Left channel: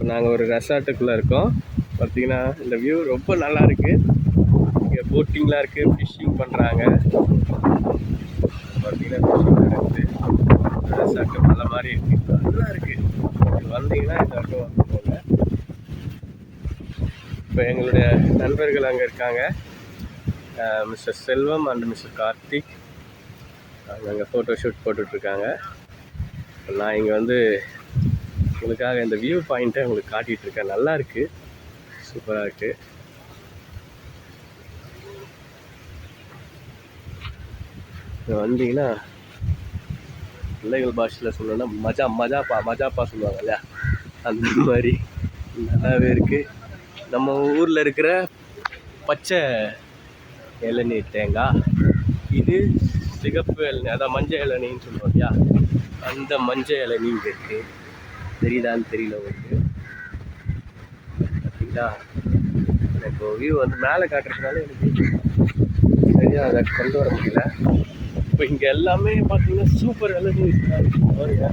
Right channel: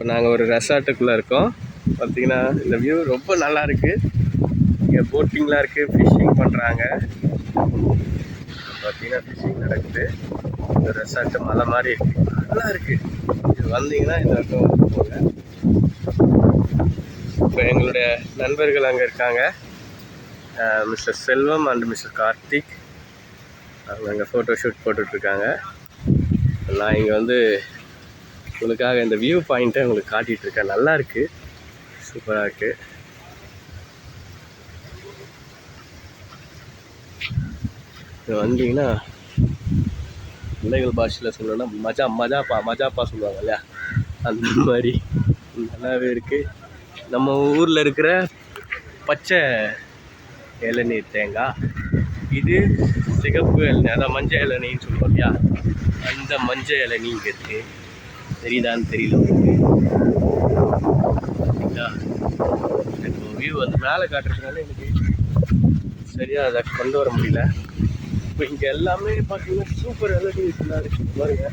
இப்போ நாங்கள் ஒரு ரெசார்ட்டுக்குள்ளே இருக்கோம். பார்த்தீங்கன்னா இந்த வியூ ரொம்ப நல்லா இருக்குது. இங்கே போட்டிங்லாம் இருக்குது, ஃபிஷ்ஷிங் பண்ணுறாங்க. பார்த்தீங்கன்னா ஃபிஷ்ஷிங் நடக்குது. இந்த ரெசார்ட்டு மலை மாதிரி இருக்குது, நல்லா இருக்குது. இது வந்தீங்கன்னா இந்த பக்கம் வந்து போங்க. இப்போ எங்களுடைய நண்பர்கள் அங்கே இருக்காங்க, mister Selvam and mister Karthik. அவங்க அங்கே ஃபோட்டோ ஷூட் போட்டுட்ருக்காங்க. நான் இங்கே வந்து உங்களுக்காக இந்த வியூ பாயிண்ட்டை உங்களுக்கு காட்டிகிட்ருக்கேன். நல்லா இருக்குது, சூப்பராக இருக்குது. வந்தீங்கன்னா பிள்ளைகள் பாஷையில் சொல்லணும்னா மஜாப்பா சொல்லுவாங்க இல்லையா, அந்த மாதிரி நல்லாவே இருக்குது. நம்ம ஊரில் இருக்கிற பச்சை இளநீர் தேங்காய், இது சிகப்பு இளநீர், அதான் மஞ்சள் இளநீன்னு சொல்லுவோம் இல்லையா, அந்த மஞ்சள் இளநீ இங்கே இருக்குது. தெரியுதான்னு தெரியல உங்களுக்கு. சரிங்களா, இப்போ வியூ வந்து மேலே காட்டுறதுனால எனக்கு சரியாக அதை கொண்டு வர முடியல. இப்போ இங்கே எல்லாமே பார்த்தீங்கன்னா சூப்பர் இளநீர் இருக்குது பாருங்க.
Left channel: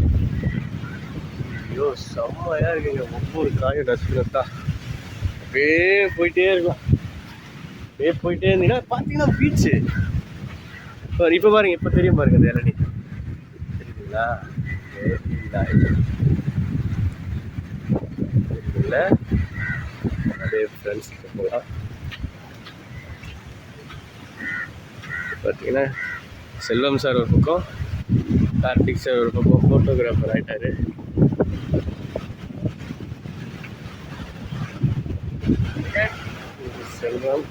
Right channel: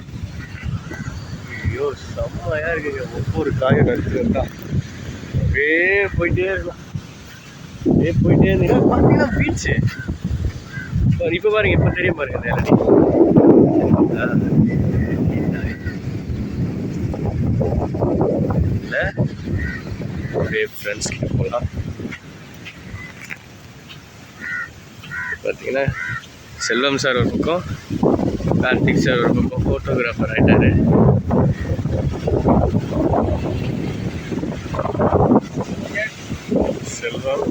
ஐயோ செம்மையாக இருக்குங்க. ஒவ்வொரு காயும் நடுத்து வந்தா அப்படியே போயிட்டே இருக்கலாம். அப்படியே போயிட்டே இருந்தீங்கன்னா பார்த்தீங்கன்னா பீச்சு. இப்போ பாருங்க, இப்போ தெரியும் பாருங்க இந்த இளநீர். இல்லை அப்படியே ஃப்ரெண்ட்ஸ் கிட்ட போகலாம். பார்த்தீங்கன்னா செல்வம் சார் ஒரு பக்கம், கார்த்திக் சார் ஒரு பக்கம் ஃபோட்டோகிராஃபர் ஆகிட்டாரு. செல்வம்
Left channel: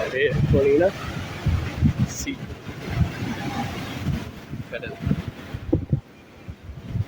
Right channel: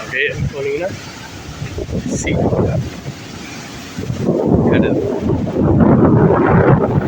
அப்படியே போனீங்கன்னா கடல்.